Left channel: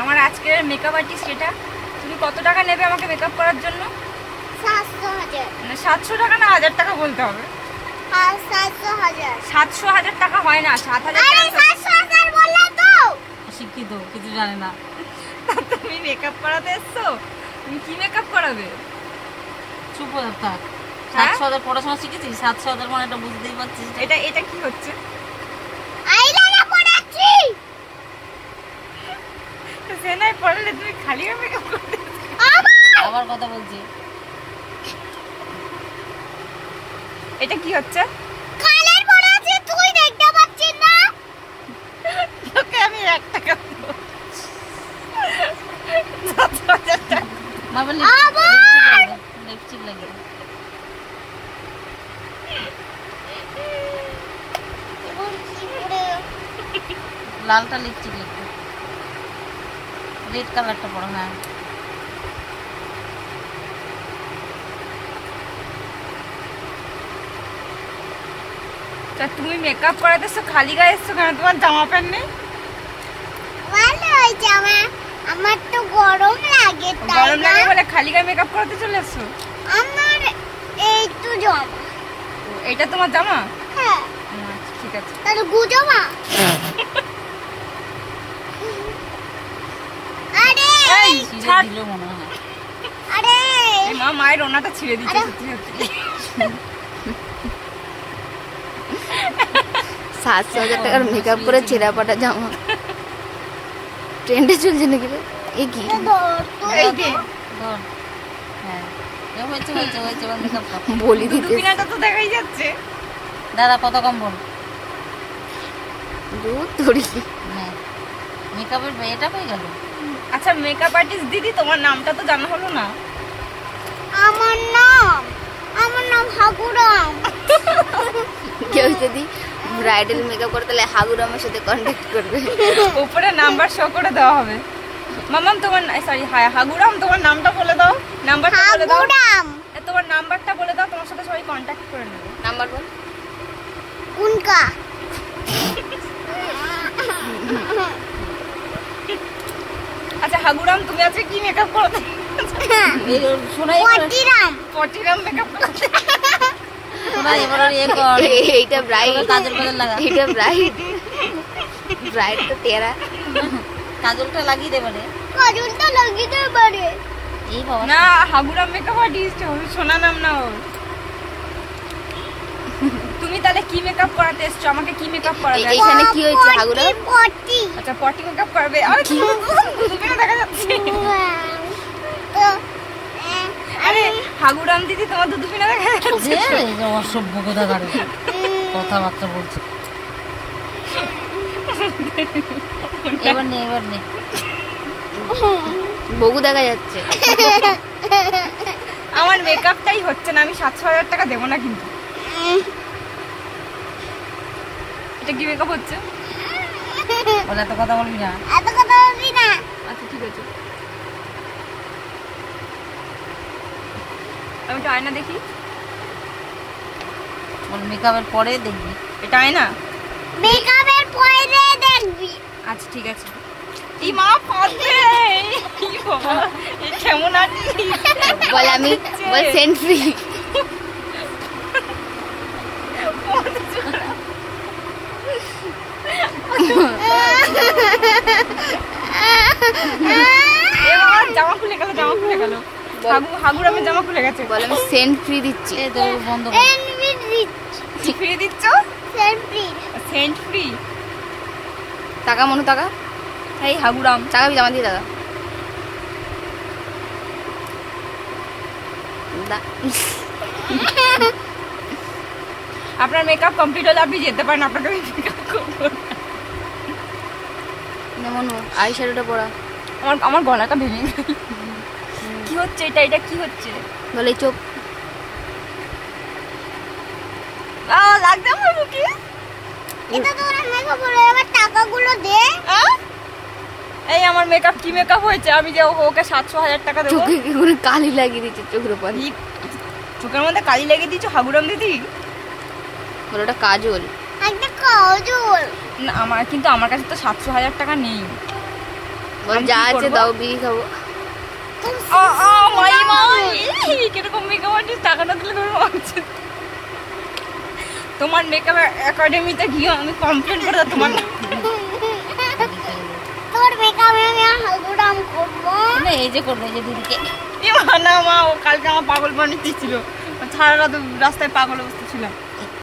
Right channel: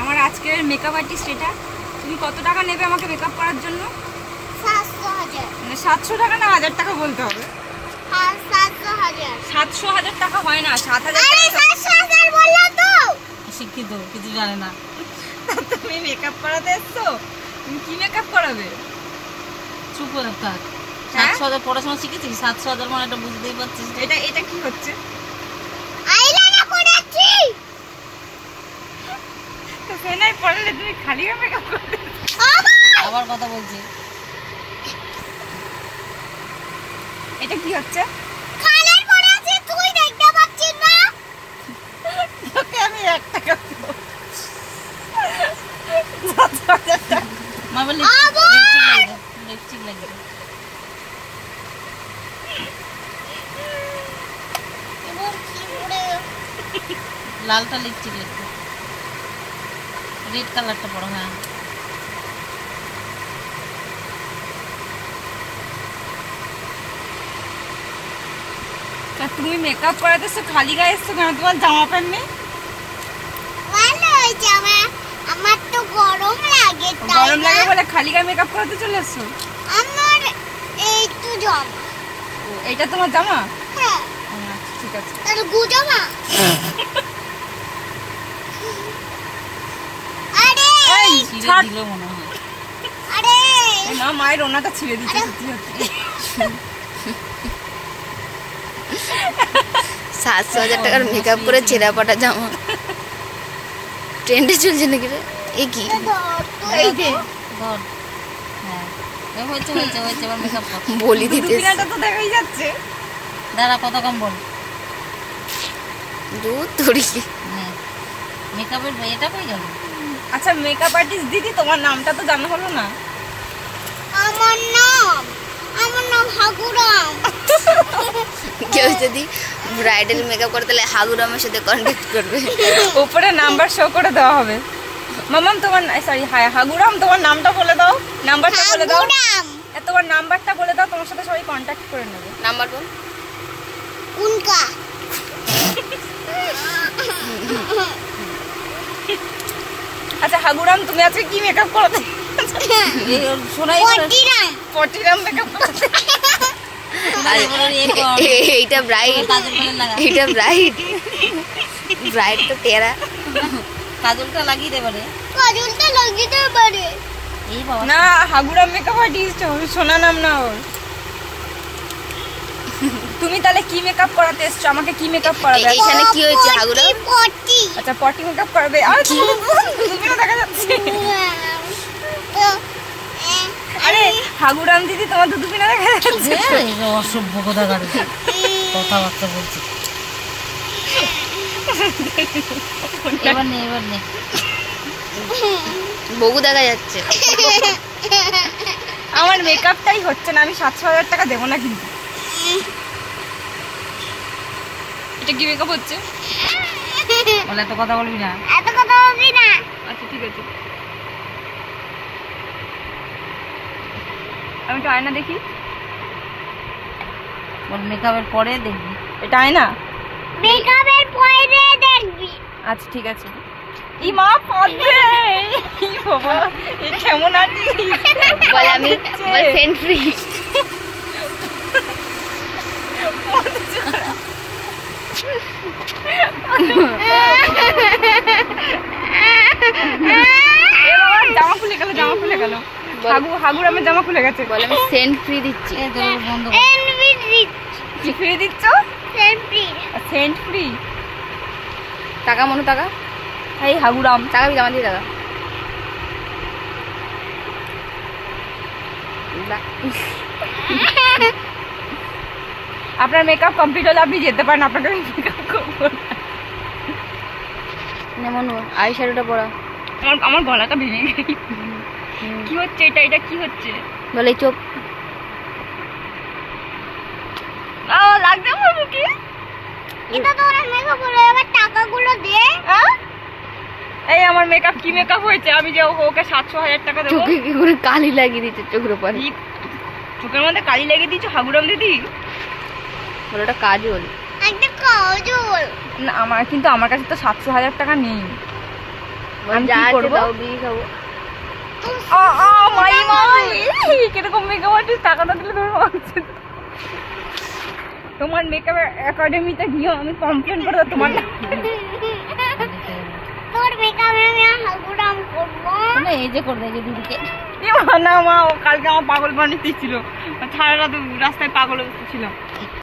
আমার আজকের makeup artist এটা। তুমি কত টাকা নেবে আমাকে মেকআপ করার জন্য? 700 টাকা না 1000 টাকা বলতে হবে। 700,000 টাকা হয় না, 7,000 টাকা শিক্ষিত, কিছু জানে না। তুমি মেকআপ করাতে এসছো? তুমি কি মেকআপ করাবে? চুপ হয়ে থাক। 700,000 পড়াশোনা শিখেছিস? 700,000 মানে এটা বুঝতেই পারছিস। এটা কি হচ্ছে? সেনাই পড়ালে তুমি খালি মেকআপ করতে আবার কথা বলছি। এটা কি হচ্ছে? তোকে আমি 1 টাকা দেব। মারবে লিপস্টিক লাগে। লালটা লিপস্টিক লাগবে, রেড কালারটা পড়ো। হ্যাঁ তা তুমি মেকআপ করাতেছো খালি গায়ে এসছো কেন? তোমার জামা প্যান্ট নেই? আমার তো গরম লাগে। গরম লাগে বলে খালি গায়ে মেকআপ করাতে চলে এসছো? আমার এই তো জামা। ও এটা তোমার জামা? হ্যাঁ। আচ্ছা ঠিক আছে। তাহলে গু জামা? আরে ছিঁড়ে দিল মনে হয়। আরে মায়ের ওনাটা ছিঁড়ে দিচ্ছে। সত্যি সত্যি 700,000 টাকার মেকআপ করে ছেঁড়া পাটা জামা ট্রেন্ডে চলছে নাকি রে? এ কি বলি দিতে? তো দেখাই যাচ্ছে। দাঁড়া, কত কম বল। মেকআপের এটা পেয়ে গেল। আচ্ছা মেকআপ আর্টিস্ট দিদি, তোমার নামটা তো জানা হলো না। আমার নাম হাগুরাম। কেউ যদি ব্রাইডাল মেকআপ করে তাহলে হাগুরামের সাথে কন্ট্যাক্ট করবে। উপরে নাম্বার শো করে দেওয়া হবে। মামাম তোমার সরি হাগুরাম, তোমার নামটা বলে দাও। নাম্বারটা বলে দাও। হাগুরাম তোমার নাম্বারটা বলে দাও, তোমার সাথে সবাই কন্ট্যাক্ট করে নেবে। নাম্বার বল। উনকা আচ্ছা হাগুরাম, তুমি আজকে কি মেকআপ করাতে? শোনাই পটিরাম মেকআপ করাতে। এইটা ব্রাইড, কাজল লাগা। এইটা ব্রাইড তো টেরা। কাজলটা লাগিয়ে দেবে রে। এই বাবা না, হাগুরাম মেকআপ আর্টিস্ট শোনা নাম না ওর। তুমি তাহলে কি মেকআপ করাতে এসছো? আমাকে কি মেকআপ করাবে? এইখানে কি হয়েছে হাগুরাম? আচ্ছা পটি মেকআপ করবে। আর কি দেখা যাচ্ছে? আরে হাগুরাম দিদি, তোমার দুদুপিনা দেখা যাচ্ছে। অসভ্য কোথাকার কথাবার্তা বলছে। এবার নে বগু দেখা যাচ্ছে। আমার মেকআপটাই হচ্ছে না, আমি 700,000 টাকা দেবো না কিন্তু। এটা কি মেকআপ হচ্ছে? বলে এত কথা বলবি না। আচ্ছা ঠিক আছে, আমি একটু আয়না দেখি। বল মেকআপের পরে দেখবি। এটা আয়না? মেকআপের পরে দেখবি। আচ্ছা ঠিক আছে। এই মা পড়ছে, কি বাবা এই কেমন আছিস? বল আমি বল সেন্ট ফ্রি। জামা খুলে গেল। হাগুরামের জামা খুলে গেছে। বল আমি সেন্ট ফ্রি দিচ্ছি। বন্ধ কি ফ্রি দিচ্ছ? সেন্ট ফ্রি। টাকা মনো টাকা। এই হাগুরাম টাকা জামা দিয়ে টাকা। আপনার মেকআপ কমপ্লিট হলে আপনি যেতে পারেন। আপনাকে মেকআপ করবো না মনো, আই শ্যাডোটা পরা। আমার গলাটা ভেঙে গেল। কি হচ্ছে এটা কি হচ্ছে? বলে চোখ লাগছে আমার মুখে। এটা তো অনেক মেকআপ হলো, এবার টাকাগুলো দে। এই আমার মেকআপ কি মেকআপ হয়েছে? আমি যে ওকে 700,000 টাকা দেবো। চোখে কি করে কালি লাগিয়ে দিচ্ছে চোখের উপর? চোখের মধ্যে কালি লাগিয়ে দিচ্ছ হাগুরাম দিদি? বলে ওটা কাজল। একটা কাজল। না আমার কাছে তো 700,000 টাকা নেই। আমি যা কি আছে করবো? দাও বিড়ি খাবো। কিরকম মেকআপ আর্টিস্ট টাকাটা দিলে তোমার মাগছে। তোমার মেকআপ একাডেমিতে গিয়ে আমি কমপ্লেন করে দেবো তোমার তোর মেকআপে আমি হাগুরাম করবো। না এই যে করবে এই যে দিদিকে না মা ও কালকে আমার পাগল বানিয়ে দিচ্ছিল, সারা রাত রাস্তায় পাগল অবস্থা ছিলাম।